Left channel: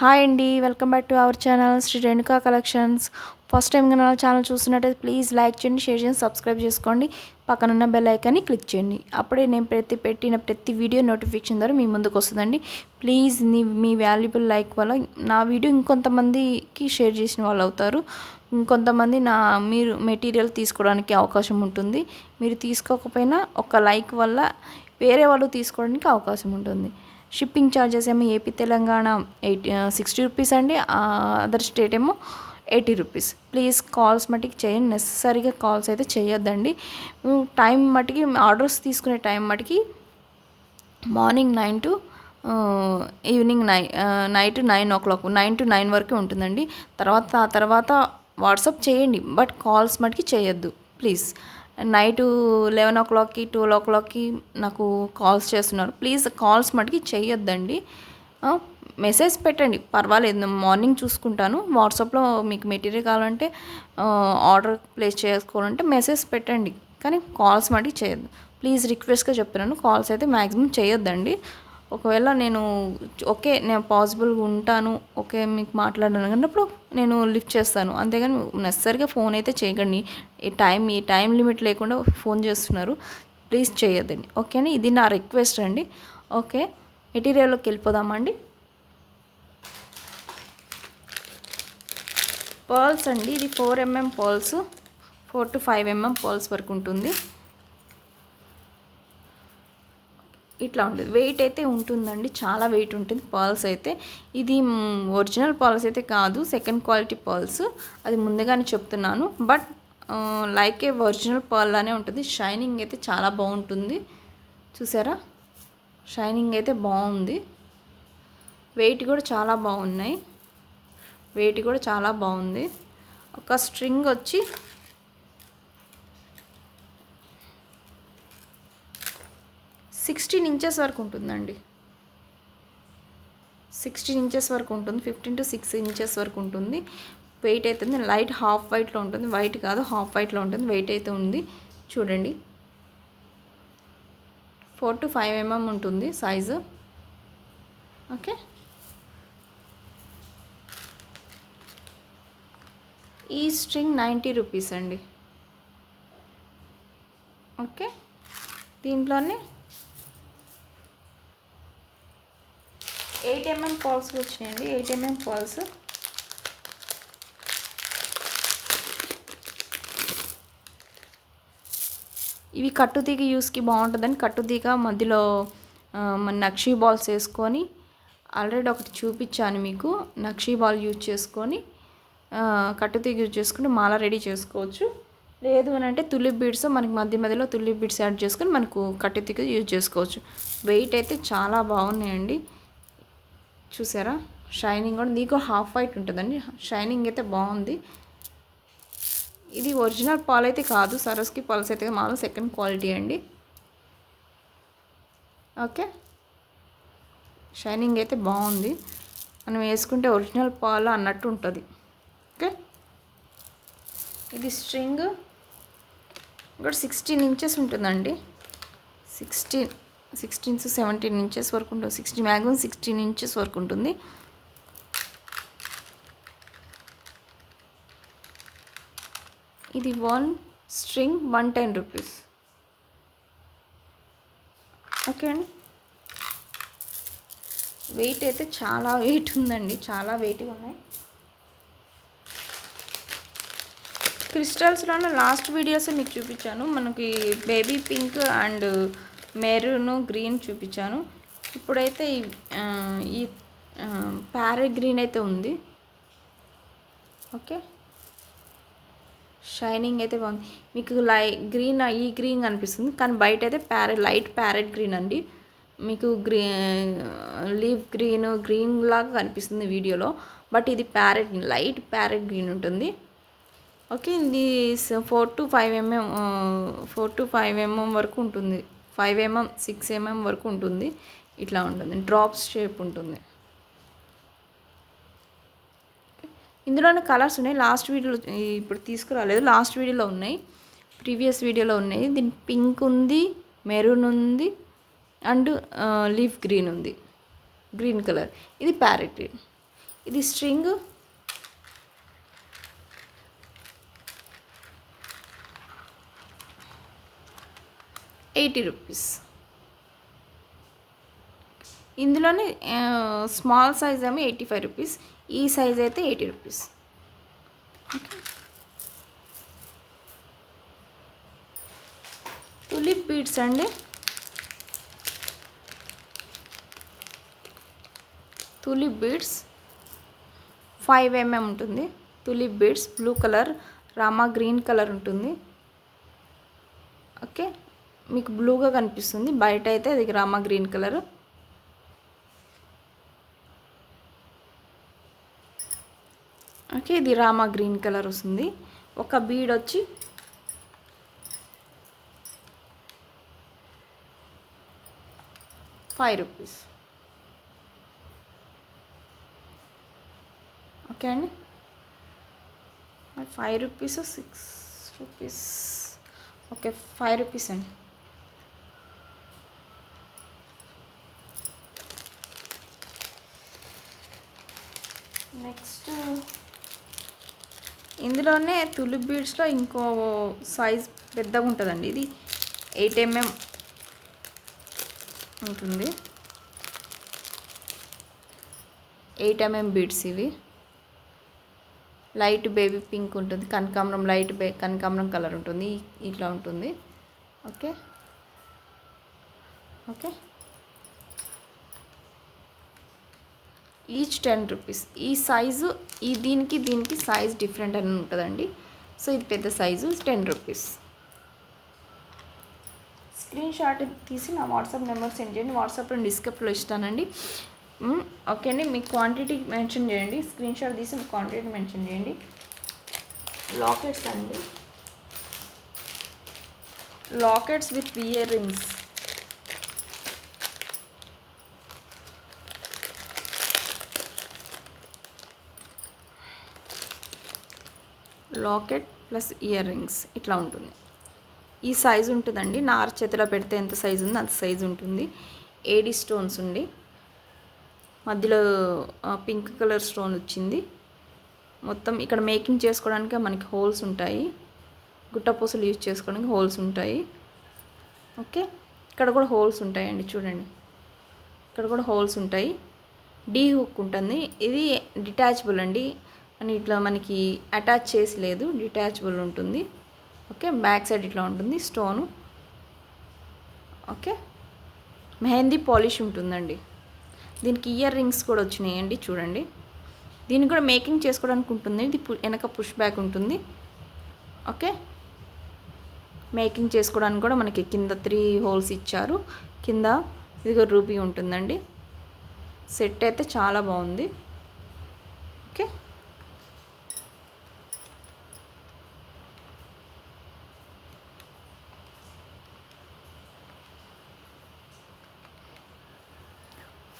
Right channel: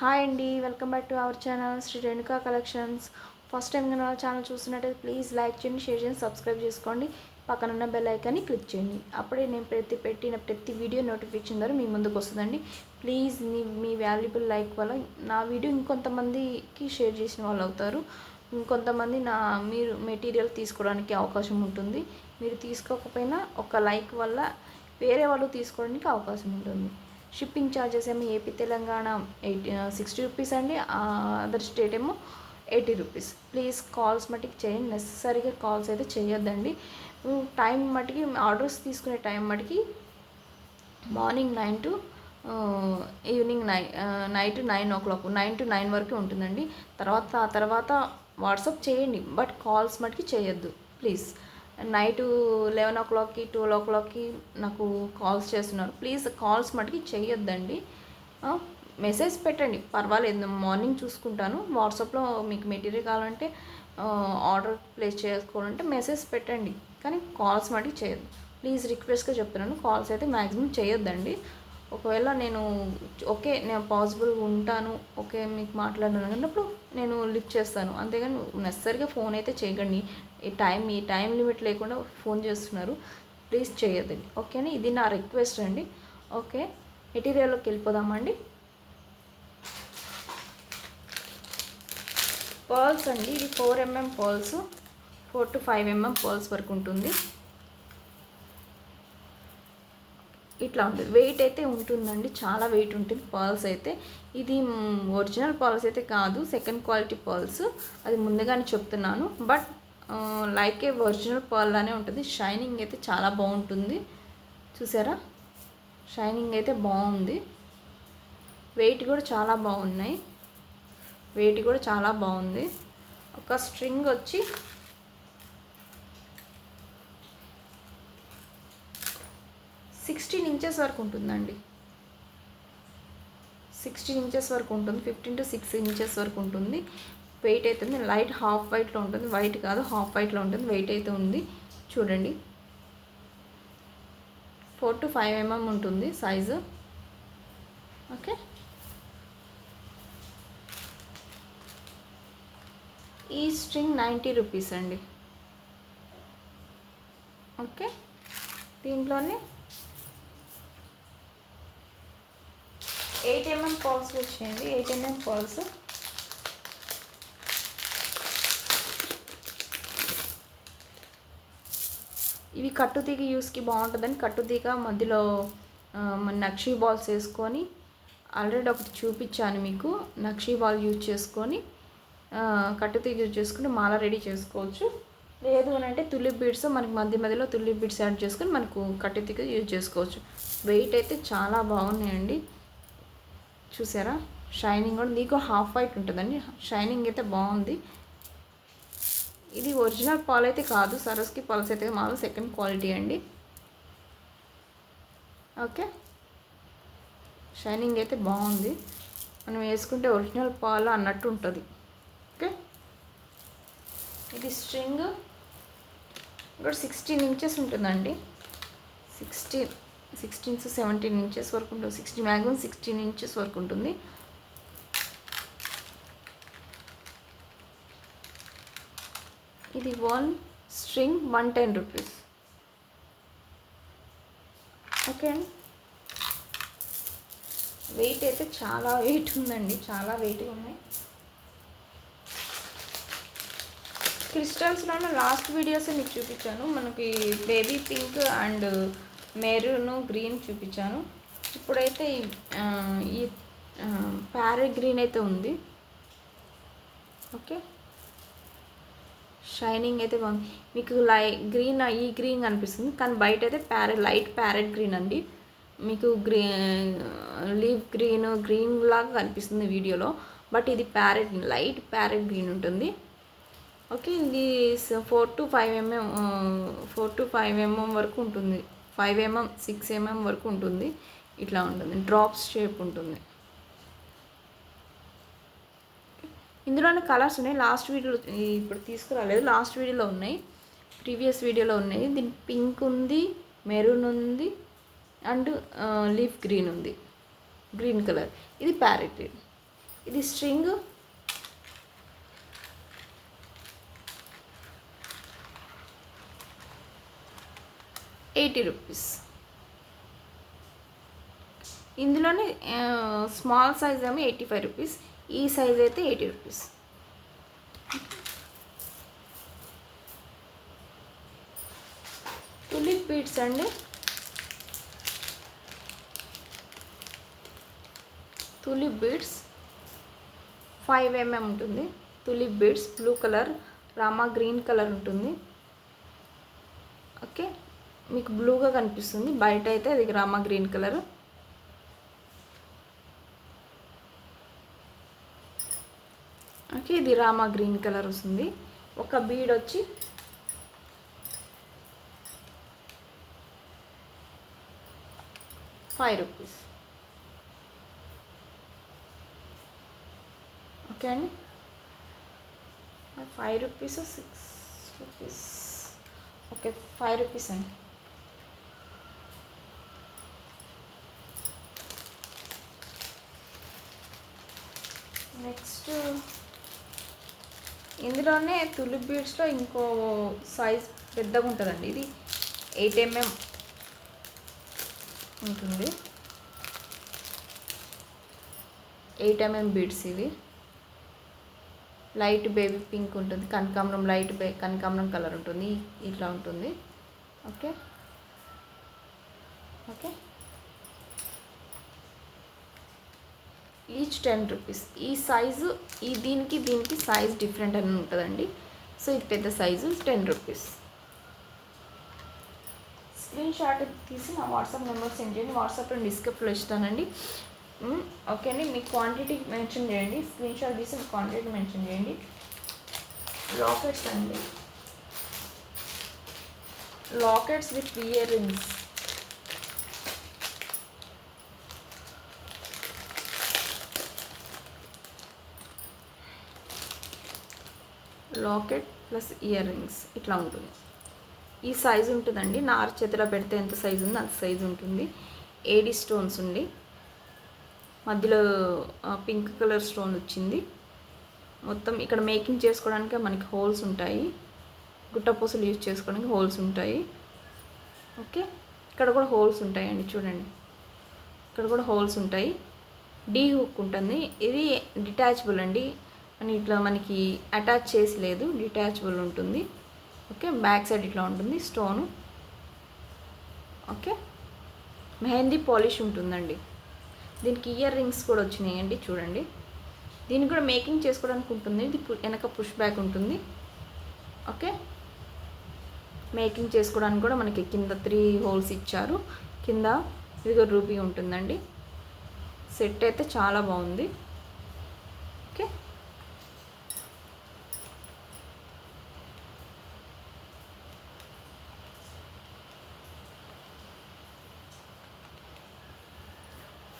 Hi అండి, welcome back to our channel Shri Renuka collections. First time కనుక channel చూస్తున్నట్టయితే please like చేయండి, షేర్ చేయండి, సబ్స్క్రైబ్ చేసుకోండి. పక్కనున్న బెల్ ఐకాన్ని క్లిక్ చేయండి. అప్పుడే నేను పెట్టిన ప్రతి వీడియో నోటిఫికేషన్ ద్వారా మీ ముందుకు వస్తుందండి. ప్లీజ్ మీ వాల్యుబుల్ లైక్ వల్ల నా వీడియో ఇంకొంతమందికి షేర్ చేసిన వాళ్ళు అవుతారు. ఇంకొంతమంది మీరు మెటీరియల్ తీసుకోవడానికి అవకాశం ఉంటుంది. మీరు తీసుకోకపోయినా ఒక లైక్ వల్ల వేరే వాళ్ళు తీసుకోవడానికి అవకాశం ఉంటుంది. షిప్పింగ్ ఛార్జెస్ ఏమో ఏపీ తెలంగాణ 60 రూపీస్ అండి, అదర్ స్టేట్ ఏమో 80 రూపీస్. ప్లీజ్ కాల్స్ మటుకి చేయండి, నెససరీగా కాల్స్ అయితే చేయొద్దండి. టైం మటుకి ఆర్డర్స్ తీసుకునే టైం మటుకి morning 9 to evening night 9 o'clock 9 to 9 వరకు ఉంటుందండి. తర్వాత వాట్సాప్ చేయండి, బట్ కాల్స్ మటుకి చేయొద్దు ప్లీజ్. నైటు 11 o'clock 12 o'clock నాకు కాల్స్ చేస్తున్నారు. ప్లీజ్ కాల్స్ మటుకి చేయొద్దండి. మెసేజ్ పెట్టండి, పర్వాలేదు, మార్నింగ్ చూసుకుంటాను. వాట్సాప్లో మీకు మెటీరియల్ కావాలంటే ఆర్డర్ ప్లేస్ చేసుకోవాలంటే మెసేజ్ పెట్టండి, కానీ కాల్స్ మటుకి చేయొద్దు ప్లీజ్. రిక్వెస్ట్గా చెప్తున్నాను, కాల్స్ అయితే మ్యాక్సిమం చేయొద్దండి. ఒకవేళ నేను పాసిబుల్గా ఉంటాను, ఓకే మీకు మాట్లాడాను అన్నప్పుడు నేను లిఫ్ట్ చేస్తాను, అంతేగాని నెససరీగా ఫోన్ అయితే చేయకండి. ఈ టైం లిమిట్ లేకుండా ఫోన్ చేస్తున్నారు, ప్లీజ్ చేయొద్దండి, ఓకేనా. ఇది నా రిక్వెస్ట్ అండి. ఓకే, మెటీరియల్లోకి వెళ్ళిపోదామండి. పర్ల్స్ అండి, ఇది 4mm pearls, 4 to 5mm pearls వరకు ఉంటుంది. ఇట్లా ఉంటుంది, వెయిట్ అయితే ఉంటుందండి, చాలా వెయిట్ ఉంటుంది పర్ల్స్ అయితే. ఇది ఒరిజినల్ పర్ల్స్ అయితే కాదు, సెకండ్ క్వాలిటీ పర్ల్స్, అది ముందుగానే చెప్తున్నాను. But like A original pearl లానే ఉంటుంది. షైనింగ్ అయితే చాలా బాగుంటుంది, చూసారా, షైనింగ్ అయితే బాగుంది. వెయిట్ కూడా చాలా బాగున్నాయి, వెయిట్ కూడా చాలా బాగుంది. ఒక స్ట్రింగ్ వచ్చి 16 inches వరకు ఉంటుందండి, 16 inches వరకు ఉంటుంది, 15 to 6 inches వరకు ఉంటుంది. వెయిట్ అవుతుంది, లైట్ హాఫ్ వైట్లో ఉంటుంది, వైట్ కాదు హాఫ్ వైట్లో ఉంటుంది. వెయిట్ అయితే ఉంది, చూడండి. 4 to 5mm ఉంటుంది సైజు, ఓకే. ఈ స్ట్రింగ్ 90 రూపీస్ అండి, ఓకే. దీంట్లోనే 8mm పర్ల్స్ వచ్చాయండి, 8mm పర్ల్స్. ఇవి కట్టుతీగ యూస్కి బాగుంటుందని కట్టుతీగ మధ్యలో నక్షీ బాల్స్ వేసుకొని, ఆల్రెడీ ఒకటి చూపించాను మీకు, నక్షీ బాల్ యూజ్ చేసుకొని కట్టుతీగ యూజ్ చేసుకుని మాల రెడీ చేసుకోవచ్చు. లేదు అని అంటే తులిప్ బీడ్స్, మనకి మధ్యలో తులిప్ బీడ్స్ యాడ్ చేసుకొని మనకు కట్టుతీగ యూజ్ చేసుకోవచ్చు. వెయిట్ అయితే చాలా బాగున్నాయండి, చూసారా. షైనింగ్ కూడా నీకు హాఫ్ వైట్ ఉంటుందండి, షైనింగ్ అయితే బాగుంది. ఇది ఒరిజినల్ పాల్ అయితే కాదు, సరస్కి పాల్స్ అయితే మామూలు సెకండ్ క్వాలిటీ అండి, ఓకే. షైనింగ్ అయితే బాగుంది, మనం వేసుకుంటే ఒరిజినల్ పాల్ అన్నట్టు ఉంటుంది, ఓకే. ఇది స్ట్రింగ్ కూడా 16 inches ఉంటుందండి, 16 to 17 inches వరకు ఉంటుంది, 16 inches వరకు ఉంటుంది. ఇది 1 string 110 రూపీస్, ఓకే అండి. వెయిట్ అయితే చాలా వెయిట్ ఉందండి, చాలా వెయిట్గా ఉన్నాయి. క్రిస్టల్స్లోనే లాస్ట్ వీడియోస్ మీకు చూపించాను, మనకి baby pink and maroon green చూపించాను. ఇప్పుడైతే ఈ ప్యారెట్ గ్రీన్ అయితే ఉంది, ఓకే. షైనింగ్ అయితే బాగుంది, మీకు గ్రీన్ ఈ గ్రీన్ అనిపిస్తుంది, కానీ బయట అయితే లైట్ ప్యారెట్ గ్రీన్ అండి. మీకు లీఫ్ గ్రీన్ లాగా కనిపిస్తుంది వీడియోలో, బట్ ఇది లైట్ ప్యారెట్ గ్రీన్ ఉంటుంది, ఓకే. ఇది 4 to 5mm వరకు ఉంటుంది, 5mm 6mm వరకు ఉంటుంది. ఇట్లా ఉంటుంది, డ్రాప్స్ షేప్ ఉంటుంది. ఇందులోనే కలర్స్ ఉన్నాయి, లాస్ట్ వీడియోలో ఇప్పుడు తీసుకురాలేదు, లాస్ట్ వీడియోలో ఉన్నాయి, ప్రీవియస్ వీడియోలో ఉన్నాయి. దీని పింక్ ఉంది, మెరూన్ ఉంది, అండ్ లీఫ్ గ్రీన్ ఉంది, గ్రీన్ కలర్. ఇది ప్యారెట్ గ్రీన్, ఇది స్ట్రింగ్ 80 రూపీస్. ఇందులోనే స్మాల్ సైజ్ ఏమో 85 రూపీస్, ఈ సైజ్ అయితే 80 రూపీస్. టులిప్ బీడ్స్ అండి, టులిప్ బీడ్స్ 5 mm ఉంటుంది. Tulip beads blue colour, Rama green colour ఉంటుంది. ఓకే, మీకు బ్లూగా కనిపిస్తుంది, బయట అయితే అది రామా గ్రీన్ కలర్. ఓకే, ఇది రామా గ్రీన్ కలర్ వస్తుంది. ఒక బీడ్ వచ్చి ₹5. ఓకే అండి, ₹5 ₹6. ఓకే, ₹5 అండి. నెక్స్ట్ ఇందులోనే తులిప్ బీడ్స్లో ఇంకో సైజ్ పెద్దగా ఉంటుందండి. ఇది 8 mm ఉంటుంది. 8 mm బీడ్స్ ఇవి. లైట్ బేబీ పింక్ ఉంటుంది, కనకాంబరం లైట్ కనకాంబరం కలర్ ఉంటుంది, ఇట్లా ఉంటుంది. Okay okay, each ₹10. ఈ సైజు దీనికి సైజ్ డిఫరెంట్ అని ఉంటుందండి. సో ఇది పెద్ద సైజు ₹10. స్క్రీన్ షాట్ తీసి నా వాట్సాప్ నెంబర్ సెండ్ చేయండి. వాట్సాప్లో డిస్క్రిప్షన్లో ఇస్తానండి. ఓకే అండి, మీ క్వాంటిటీ మెన్షన్ చేయండి. స్క్రీన్ షాట్ తీసి మీ క్వాంటిటీ మెన్షన్ చేయండి. లాకెట్స్ అండి, lockets with ear rings. Locket plus ear rings ఇట్లా ఉంటుంది. ఈ సైజు ఉంటుందండి, నార చేతిలో పెడితే ఎంత సైజు ఉందో అంత సైజు ఉంటుంది. ఏడి స్టోన్స్ ఉండి మధ్యలో పింక్ కలర్ స్టోన్ వచ్చింది. మొత్తం ఇక్కడ మేకింగ్ చేసుకోవడానికి మనకి హోల్స్ ఉంటాయి, గుట్టపూసలు యూజ్ చేసుకోవడానికి హోల్స్ ఉంటాయి. ఓకే, ఇక్కడ కూడా హోల్స్ ఉంటాయండి, చూడండి ఇక్కడ కూడా హోల్స్ ఉంటాయి. డీ హుక్ ఉంటుంది. ఇది డిటాచబుల్ అండి, అని ఇట్లా మనకి అటాచ్ చేసి లేదు, డిటాచబుల్ ఉంటుంది. ఓకే, బ్యాక్ సైడ్ ఇట్లా ఉంటుంది స్టోను. ఓకే, మెహందీ పాలిష్ ఉంటుందండి. దీనికి ఇయర్ రింగ్స్ కూడా వచ్చినాయండి, చూడండి. దీనికి కూడా మేకింగ్ చేసుకోవడానికి ఉంటుంది. ఇది వెనక పుష్ బ్యాక్ ఉంటుంది. ఓకే, మేకింగ్ చేసుకోవడానికి కూడా మనకి కింద 3 హోల్స్ ఇచ్చారు. కింద ఇదిగో రూబీ ఉంటుందండి. సెట్ అయితే చాలా బాగుంది. Okay,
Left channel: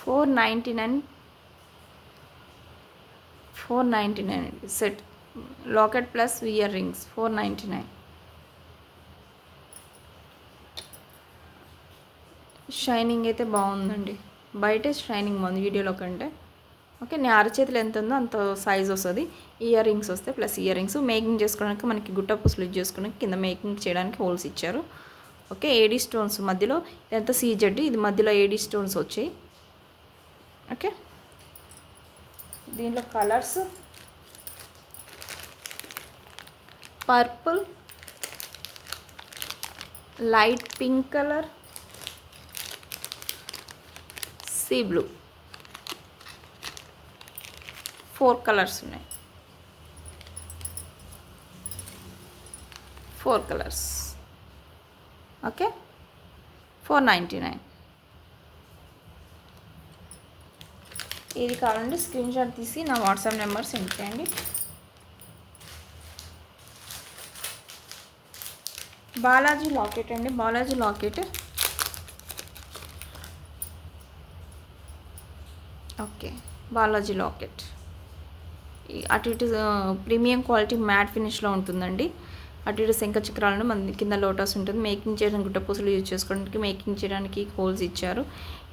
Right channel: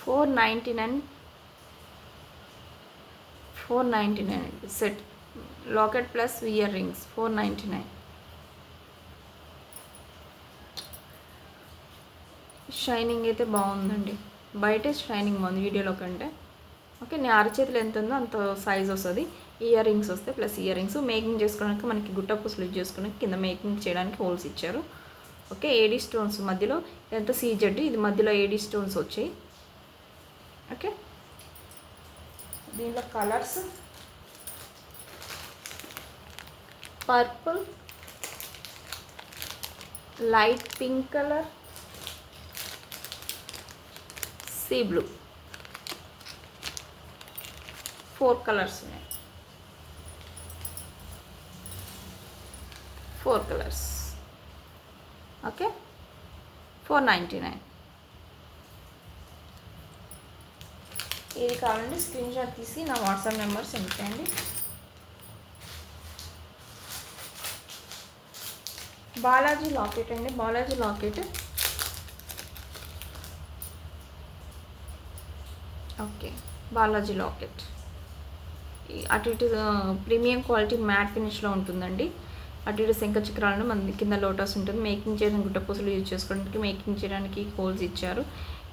$499 set. Locket plus ear rings $499. Shining అయితే బాగుందండి, బయటే షైనింగ్ బాగుంది వీడియోలో కంటే. ఓకే, నేను అరచేతులు ఎంత ఉందో అంత సైజ్ వస్తుంది. ఇయర్ రింగ్స్ వస్తాయి, ప్లస్ ఇయర్ రింగ్స్. మేకింగ్ చేసుకోవడానికి మనకి గుట్ట పూసలు యూజ్ చేసుకోవడానికి కింద మేకింగ్ చేయడానికి హోల్స్ ఇచ్చారు. ఓకే, ఏడీ స్టోన్స్ మధ్యలో, ఎంత సీజెడ్, ఇది మధ్యలో ఏడీ స్టోన్స్ వచ్చాయి. ఓకే, దీంట్లో colours purple, light pink colour, sea blue, 4 colours ఉన్నాయి. 4 కలర్స్. ఓకే, $499. ఇది కావాలంటే స్క్రీన్ షాట్ తీసి నా వాట్సాప్ నెంబర్ సెండ్ చేయండి. బాలాజీ లాకెట్ అండి, Balaji locket. Okay, Balaji locket అటు ఇటు ప్రీమియం క్వాలిటీ మ్యాట్ ఫినిష్లో ఉంటుందండి. అటు ఇటు శంఖ చక్రాలను మన కింద లోటస్ ఉంటుంది. మేకింగ్ చేయడానికి గుట్టపూసలు యూజ్ చేసుకోవడానికి, మేకింగ్ చేయడానికి హోల్స్ ఇచ్చారు.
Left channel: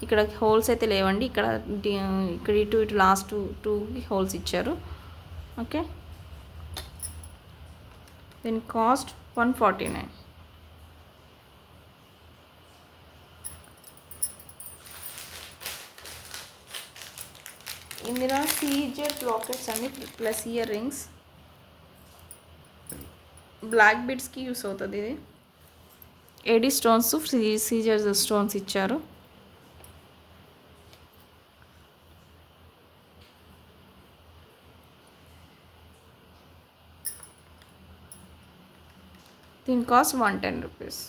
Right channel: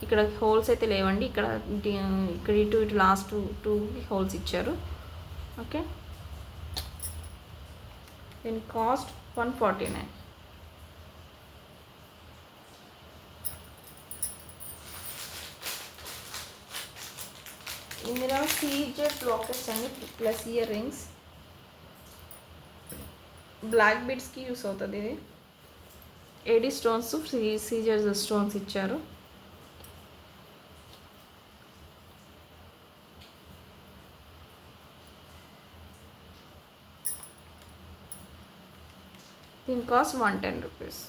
ఇక్కడ హోల్స్ అయితే లేవండి, ఇక్కడ ఇక్కడ ఇటు లాస్ట్ టూ హోల్స్ ఇచ్చారు. ఓకే, దీని కాస్ట్ 149. ఇందులో సీజెడ్ లాకెట్స్ అండి ప్లస్ ఇయర్ రింగ్స్, బ్లాక్ బీడ్స్కి యూస్ అవుతుంది. ఇది ఏడీ స్టోన్స్, సీజర్ స్టోన్స్ ఇచ్చారు. దీని కాస్ట్ 110 రూపీస్.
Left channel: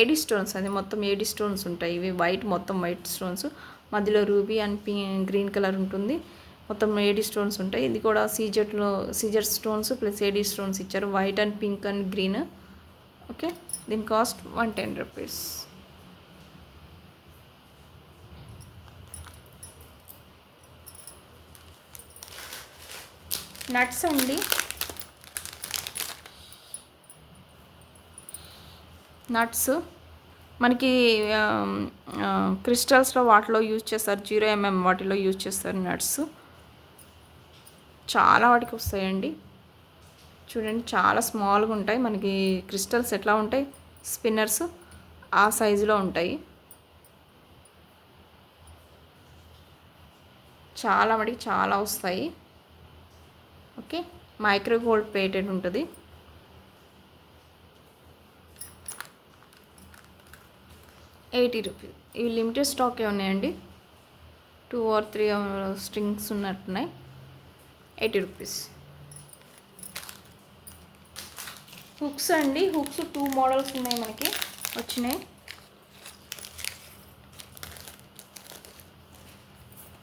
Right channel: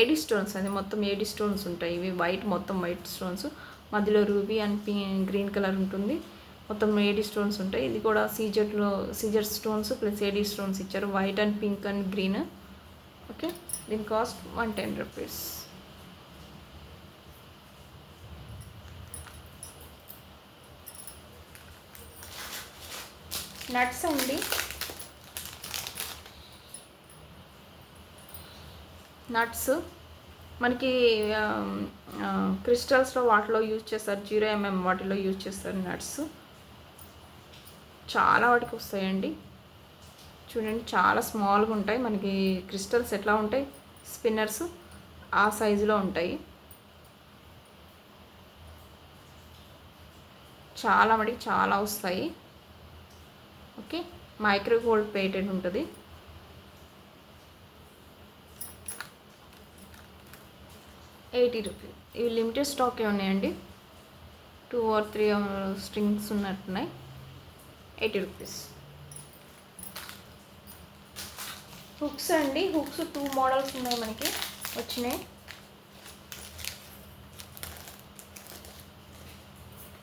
ఏడీ స్టోన్స్ అది మొత్తం ఏడీ స్టోన్స్ ఉంటాయి. ఇవి వైట్, మొత్తం వైట్ స్టోన్స్, మధ్యలో రూబీ అండ్ గ్రీన్ కలర్ ఉంటుంది. మొత్తం ఏడీ స్టోన్స్ ఉంటాయి. ఇది కూడా CZ stones plus AD stones ఇచ్చారు, white and pink and green. Okay, దీని కాస్ట్ 110 రూపీస్. నట్స్ అండి, నట్స్ మనకి క్రిస్టల్స్లో వాటిలో యూజ్ చేస్తారు, 0mm వాటిలో యూజ్ చేస్తారు నట్స్. చాలా వాటికి వస్తాయండి. చూడండి, చాలా స్మాల్గా ఉంటాయి. మనకి క్రిస్టల్స్ ఎట్లా ఉంటాయి, స్పిన్నర్స్ ఆ సైజులో ఉంటాయి. చాలా మటుకు చాలా వస్తాయి. ఓకే, మైక్రో గోల్డ్ ప్లేటెడ్ ఉంటుంది. ₹80. ఇవి లిమిటెడ్ స్టాకే ఉన్నాయండి, 2 or 3 స్ట్రింగ్స్ ఉన్నట్టున్నాయి. ₹80. హుక్స్ అండి, హుక్స్ 2 మోడల్స్ ఉన్నాయి మనకి వచ్చినాయి.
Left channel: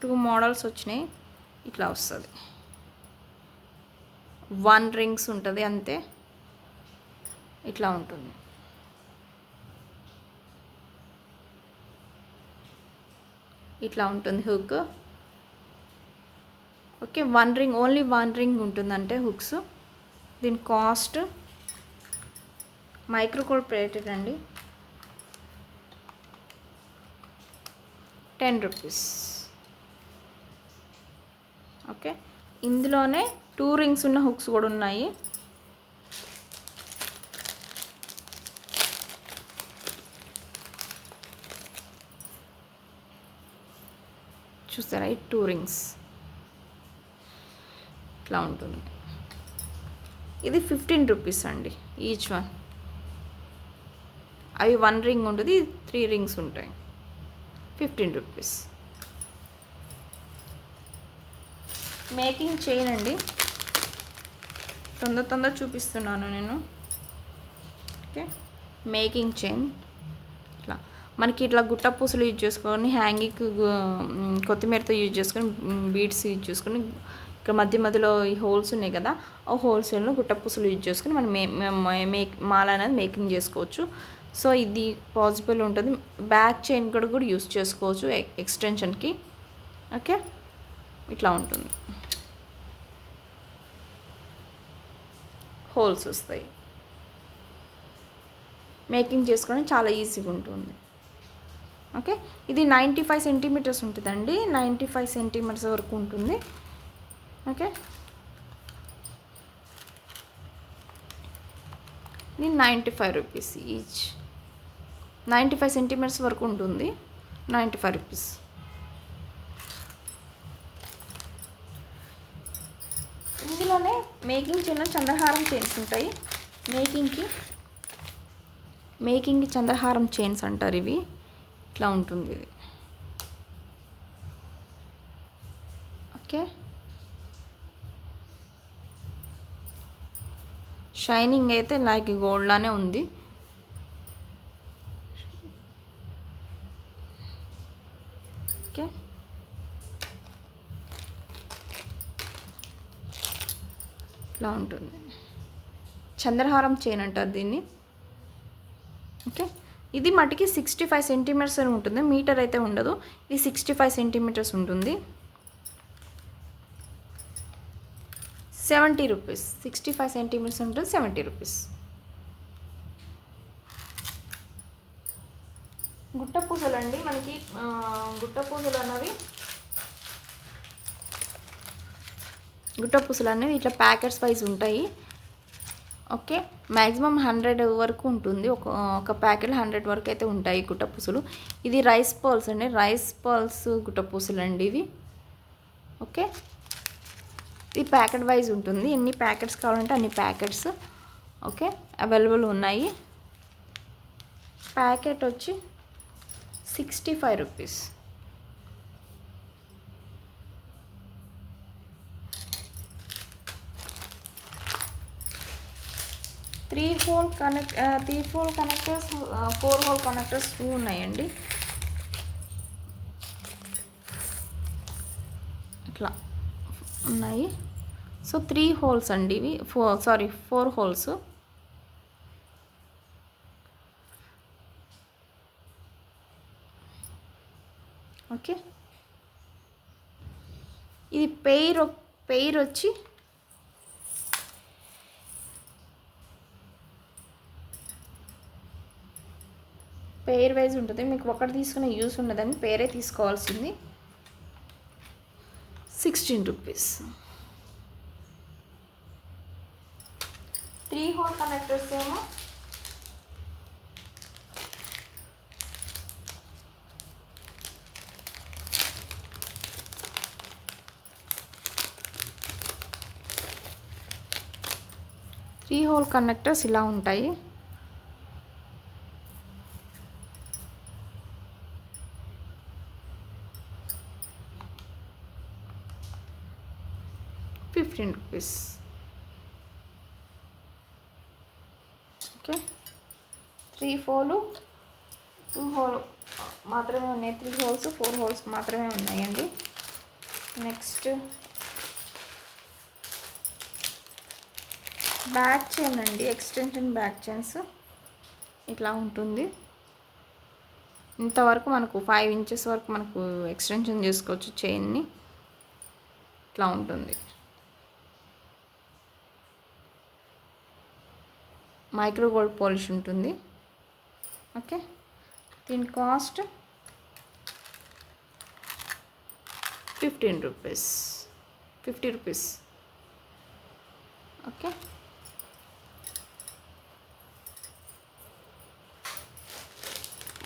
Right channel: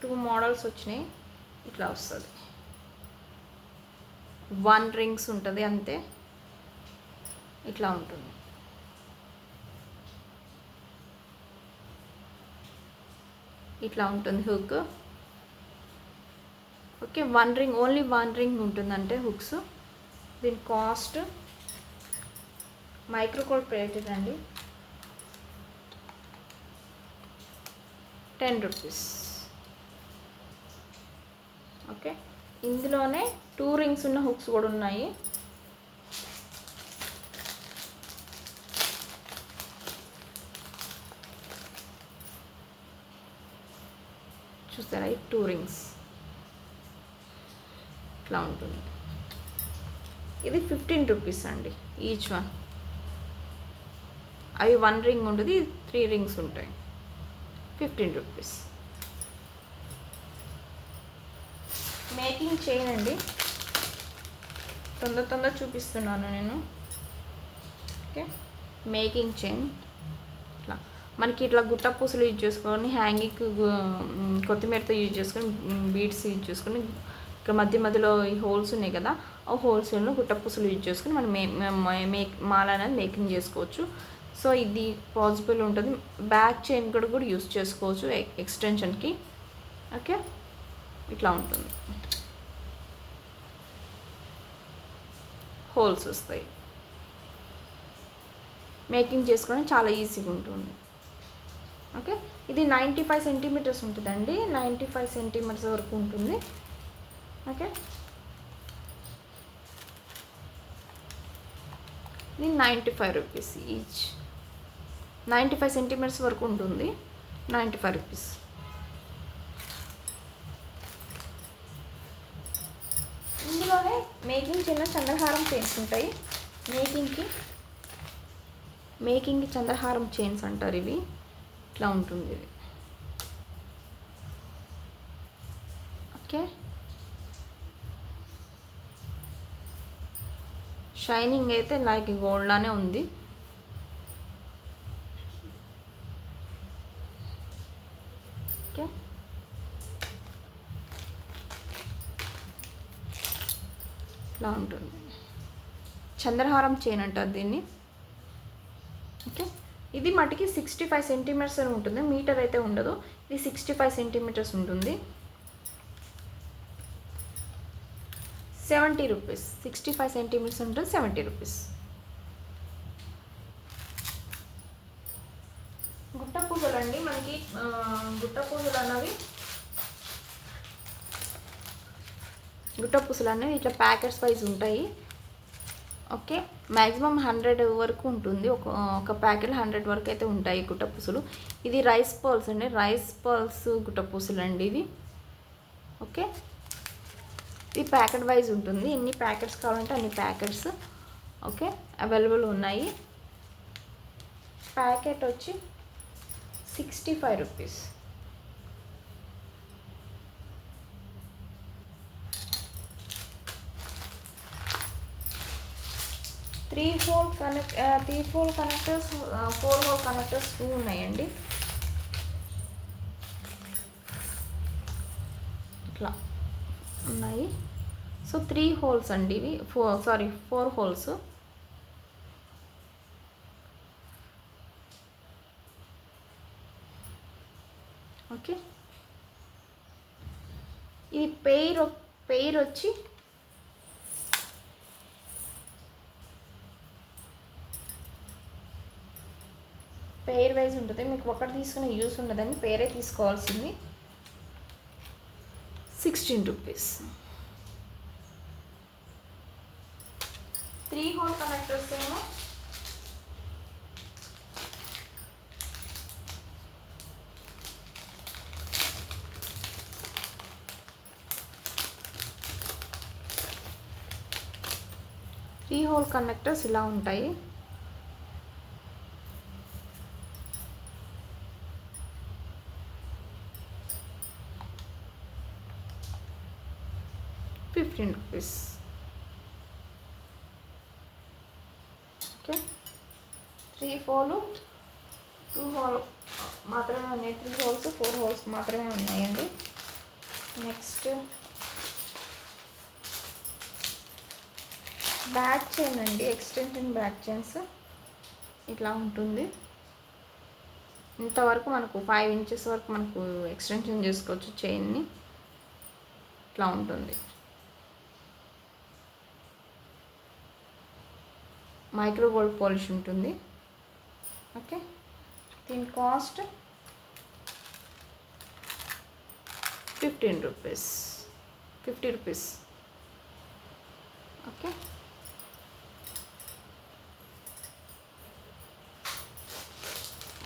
2 మోడల్స్ వచ్చినాయి. ఇట్లా వస్తుంది, 1 రింగ్స్ ఉంటుంది అంతే. ఇట్లా ఉంటుంది. ఇట్లా ఉంటుంది hook. Okay, 1 ring, only 1 ring ఉంటుందంటే హుక్స్. దీని కాస్ట్ మైక్రో గోల్డ్ ప్లేటెడ్ అండి, ₹10. ఓకే, ఇందులోనే 2 రింగ్స్ ఉన్న హుక్స్ కూడా ఉన్నాయి. చూసారా, ఈ 2 రింగ్స్ ఇట్లా ఉంటుంది. ఇది ₹15 అండి ఈచ్ వన్. అవి 1 రింగ్ ఉంటుంది, 3 రింగ్స్ ఉంటాయి. ₹15. మేకింగ్ చైన్ అండి, తొందర చూపిస్తున్నాను నేను. ఓకే, మేకింగ్ చైన్ ఇట్లా మనకి ఇట్లా గుట్ట పూసలు యూజ్ చేసుకొని, హ్యాంగింగ్ కొత్తిమీరతో యూజ్ చేసుకొని, బీడ్స్ యూజ్ చేసుకొని, ఇక్కడ మధ్యలో ఈ హోల్స్ ఉన్నాయి కదా, ఆ హోల్స్లో గుట్ట పూసలు యూజ్ చేసుకొని మనం మాల అనేది మేకింగ్ చేసుకోవచ్చు. సో ఇది పాసిబుల్ ఉంటుంది. బ్యాక్ చైన్ కూడా యూజ్ చేసుకోవచ్చు ఎక్స్టెన్షన్కి. ఓకే, ఇట్లా ఉంటుంది, హోల్స్ వస్తాయి. మేకింగ్ చేసుకొని చాలా ఈజీగా ఉంటుంది. ఓకే, ఇది 95 సెంటీమీటర్స్ ఉంటుందండి, 95 సెంటీమీటర్స్ వరకు ఉంటుంది. ఓకే, ఇది ₹95 ఈచ్. 95 సెంటీమీటర్స్ వరకు ఉంటుంది, ₹95. ఇందులోనే మేకింగ్ చిన్న చంద్రహారం చైన్స్ ఉంటాయి. మేకింగ్కి చంద్రహారం చైన్స్ అంటారు ఇవి. ఇట్లా ఉంటుంది ఇది. ఓకే, షైనింగ్ అయితే లైక్ గోల్డ్ లానే ఉంది. ఓకే, ఇట్లా ఉంటుంది. చంద్రహారం చైన్ అంటారు దీన్ని. ఓకే, ఇది మటుకి 65 సెంటీమీటర్స్ ఉంటుంది, మీటర్ అయితే ఉండదు. ఇది 65 సెంటీమీటర్స్ ఉంటుంది. ₹70. 65 సెంటీమీటర్స్ ఉంటుంది, ₹70. గుట్ట పూసలు అండి, మనకి గుట్ట పూసలు అనేవి ఇట్లా ప్యాకెట్స్ వైజ్ ఉంటాయి. ఓకే, మ్యాక్సిమం 100 వరకు ఉంటుంది. ఒక ప్యాకెట్లో 100 వరకు అయితే ఉంటాయి గుట్ట పూసలు. ఇది రైస్ పర్ల్స్ అండి, రైస్ పర్ల్స్ గుట్ట పూసలు అండి ఇవి. ఓకే, ఇది ప్యాకెట్ వైజ్ ఉంటుంది. ఎన్ని ప్యాకెట్స్ కావాలంటే అన్ని ప్యాకెట్స్ ఓకే అవైలబుల్ ఉన్నాయి. ప్యాకెట్ వచ్చి 65 rupees. Three whole connectors 4 whole connectors 2 ఉన్నాయండి. ఇట్లా ఉన్నాయి. సో 3 హోల్స్ అండి ఇవి, 4 హోల్స్. ఓకే, ఇది పెయిర్ వచ్చి పెయిర్ వైజ్ ఉంటుంది. మీకు ఒకటి తీసుకునే యూస్ ఉండదని పేరే తీసుకోవాల్సింది. 16 రూపీస్. 3 హోల్ కనెక్టర్స్ ఏమో 3 హోల్ కనెక్టర్స్ ఇలా ఉంటాయి. ₹15. ఓకే, 3 హోల్ 2 హోల్ మాత్రమే ఉన్నాయి. 3 హోల్స్ 4 హోల్స్ మాత్రమే ఉన్నాయండి. నెక్స్ట్ బ్యాక్ చైన్ అండి, ఎక్స్టెన్షన్ బ్యాక్ చైన్స్ ఇట్లా ఉంటుంది. ఇంతవరకు మనకు 5 ఇంచెస్ వరకు మనకు ఎక్స్టెన్షన్ చేసుకోవచ్చు చైన్ని. ఇట్లా ఉంటుంది. మైక్రో గోల్డ్ పాలిష్ ఉంటుంది. ఓకే, దీని కాస్ట్ 50 రూపీస్. ఓకే,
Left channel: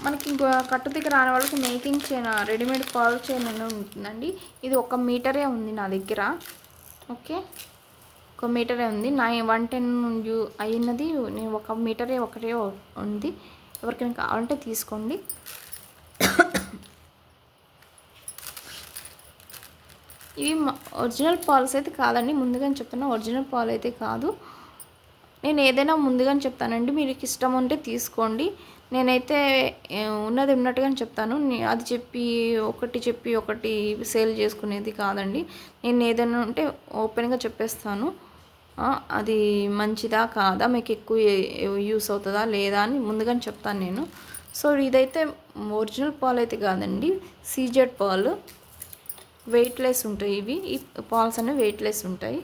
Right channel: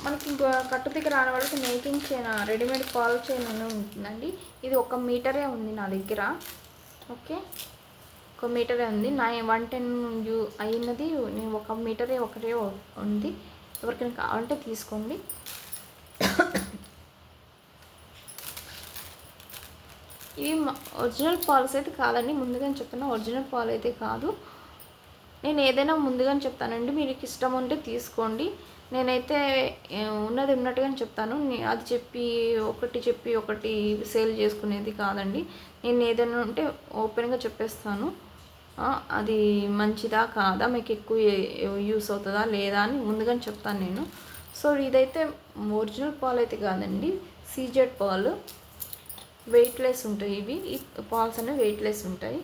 మనకి కట్టు దగ్గర రాని వాళ్ళకి making chain, readymade call chain అని ఉంటుందండి. ఇది 1 మీటరే ఉంది నా దగ్గర. ఓకే, 1 మీటరే ఉంది. నా 110 అయినది, నేను 1 మీటరే ఒకటే ఉంది. ఎవరికైనా కావాలంటే తీసుకోండి. ఇవి ఒరిజినల్ పాల్స్ అయితే కాదండి, ముందుగానే చెప్తున్నా, ఒరిజినల్ పాలు అయితే కాదు. నేను ఏదైనా ముందుగానే చెప్తానండి, మీకు ఇష్టం ఉంటే తీసుకోండి. నేనైతే ఉన్నది ఉన్నట్టుగానే చెప్తాను. అది చెప్పి ఒకటి సేల్ చేసుకునేది కాదండి. నేను ఏదైనా ఉంటే ఓపెన్గా చెప్పేస్తాను. అది మంచిదా కాదా, మీకు ఎక్కువ యూస్ అవుతుందా లేదా అని ముందుగానే చెప్తాను నేను. సో ఇదైతే ఒరిజినల్ పాలు అయితే కాదండి, సీజెడ్ పాలు. వెయిట్లెస్ ఉంటాయి ఇవి. ఈ పాల్స్ అనేవి వెయిట్లెస్ ఉంటాయి.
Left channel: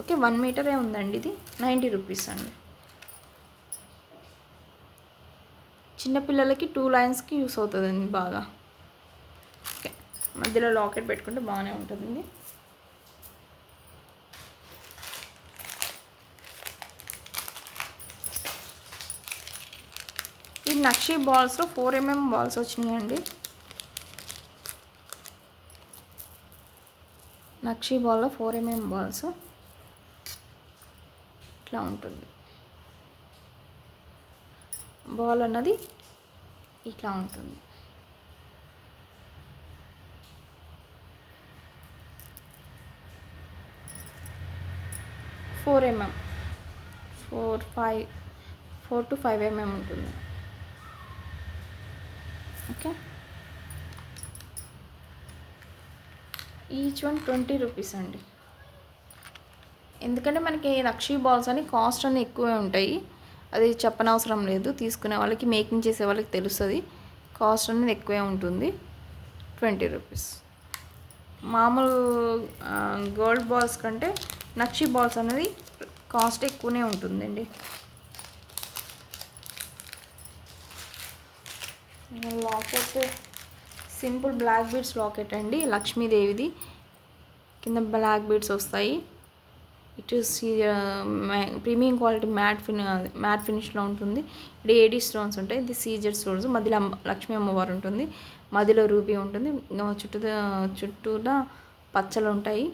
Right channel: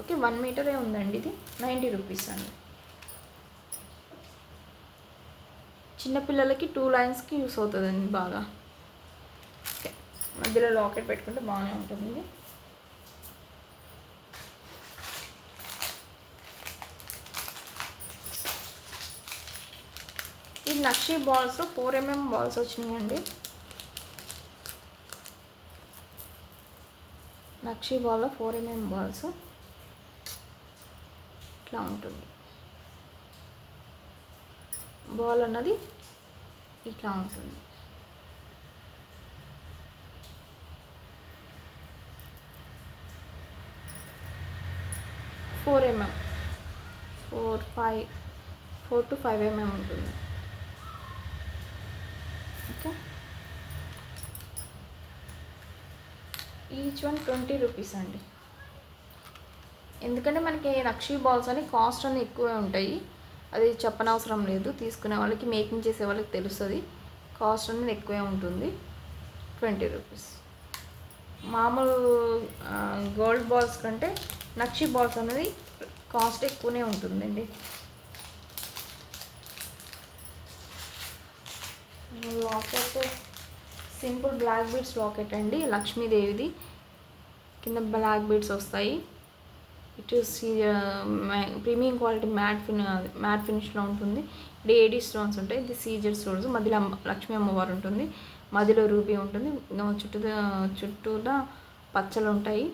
ఓకే, 1 మీటరే ఉందండి. ఇది 90 రూపీస్ అండి. చిన్నపిల్లలకి 2 లైన్స్కి యూస్ అవుతుందండి బాగా. ఓకే, మధ్యలో లాకెట్ పెట్టుకుంటే బాగానే ఉంటుంది. ఈ నక్షి బాల్స్లో 4mm బాల్స్ వచ్చినాయండి. నక్షి బాల్లో 4mm బాల్స్ ఇట్లా ఉంటుంది. బాల్ అన్నది ఇట్లా ఉంటుంది. ఫోర్ 4 to 5 mm ఉంటుంది. ఓకే, ఈచ్ వన్ 20 రూపీస్ అండి. ఎందుకంటే మనకి నక్షి బాల్స్ అని కాస్ట్ అని ఎక్కువే ఉంటాయి. అది చెప్పనవసరం లేదు, తీసుకునే వాళ్ళకి, మేకింగ్ చేసే వాళ్ళకి తెలుస్తుంది. కాస్ట్ అనేది ఎక్కువే ఉంటుంది. 20 రూపీస్. మామూలు గోల్డ్ బాల్స్ కంటే నక్షి బాల్స్ అనేది కాస్ట్ ఎక్కువనే ఉంటుందండి. Locket simple black beads locket అండి, లక్ష్మీదేవిది. కింద బ్లాక్ బీడ్స్ వస్తాయి. It is premium quality matte ఫినిష్లో ఉంటుంది. ఇది ఏడీ స్టోన్స్ ఉంటాయి. ఇది సీజెడ్ స్టోన్స్. మధ్యలో లక్ష్మీ అమ్మవారు ఉంటుంది, మధ్యలో రూపీ ఉంటుంది, చుట్టూలా పచ్చలు ఉంటాయి.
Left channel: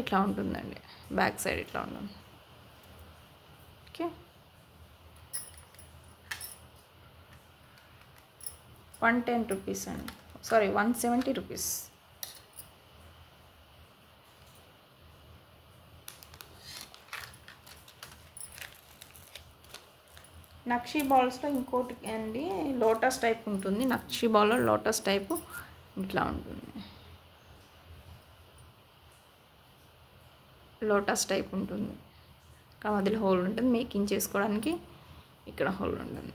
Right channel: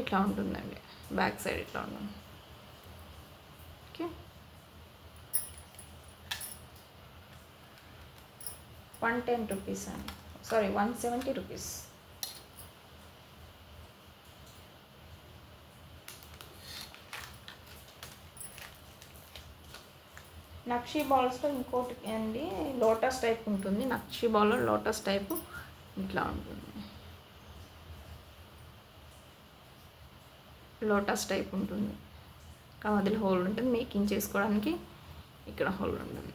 ఇట్లా ఉంటుందండి. బ్యాక్ సైడ్ ఇట్లా ఉంటుంది. ఓకే, 110 రూపీస్ అండి. Sorry, 170 rupees. నక్షీ బాల్స్లో ఇంకోటి అండి, లోటస్ టైప్ ఉంటుంది. నక్షీ బాల్లో లోటస్ టైపు ఇట్లా ఉంటుంది. లోటస్ టైప్ ఉంటుంది. మధ్యలో హోల్ ఉంటుంది, మేకింగ్ చేసుకోవడానికి ఇక్కడ హోల్ ఉంటుంది.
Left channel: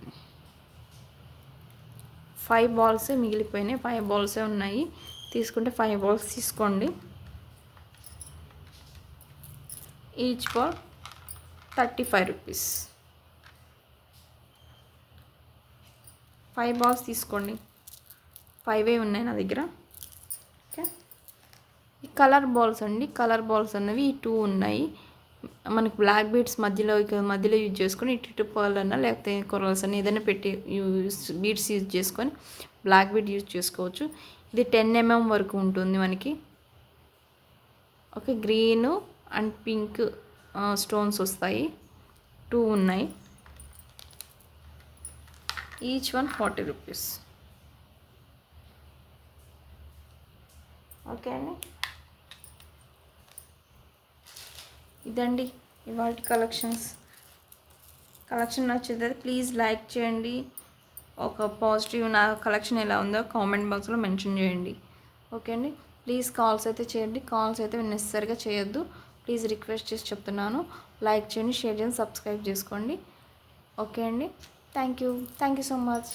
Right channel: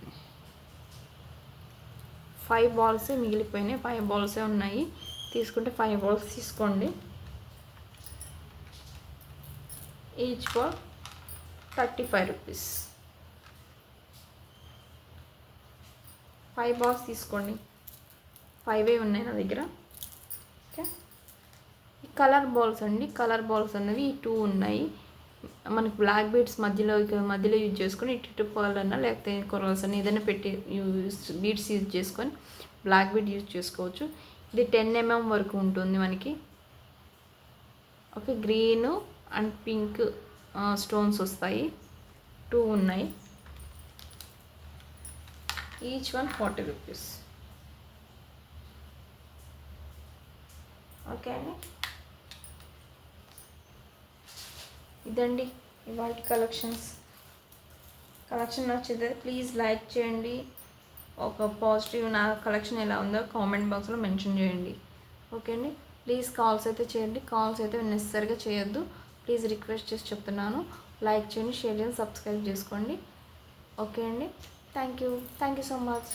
5 బాల్సే మిగిలిపోయినాయి. 5 బాల్సే ఉన్నాయి. తీసుకుంటే 5 బాల్స్ తీసుకోండి. Each ball 35 rupees. 5 బాల్స్ తీసుకోండి. 5 ఉన్నాయి నా దగ్గర. ఓకే, ఈ కలర్ బాల్స్ అండి. కలర్ బాల్స్ అనేవి 2 ఉన్నాయి. మనకు బ్లాక్ బీడ్స్ మధ్యలో యూజ్ చేసుకొని ఇటు పర్ల్ అన్న లేకపోతే కొరల్స్ అన్న ఏదైనా పెట్టి బీడ్స్ యూజ్ చేసుకొని బ్లాక్ బీడ్ యూజ్ చేసుకోవచ్చు. ఇది 10 mm వరకు ఉంటుంది మనకి. Okay, green and pink stones వస్తాయి. 2 ఉన్నాయి. Each one 40 rupees. ఓకే అండి, ఇదండి ఇవాళ కలెక్షన్ నచ్చితే ప్లీజ్ లైక్ చేయండి. ఒక పాజిటివ్ నా కలెక్షన్ ఎలా ఉందో కామెంట్ బాక్స్లో మెన్షన్ చేయండి. ఓకే అండి, ప్లీజ్ కాల్స్ అయితే చేయండి. కాల్స్ అయితే నెసెసరీగా చేయొద్దు. ప్లీజ్ రిక్వెస్ట్ చేసి చెప్తున్నాను. లైక్ చేయండి, షేర్ చేయండి, సబ్స్క్రైబ్ చేసుకోండి. ఓకే అండి, థ్యాంక్ యూ సో మచ్.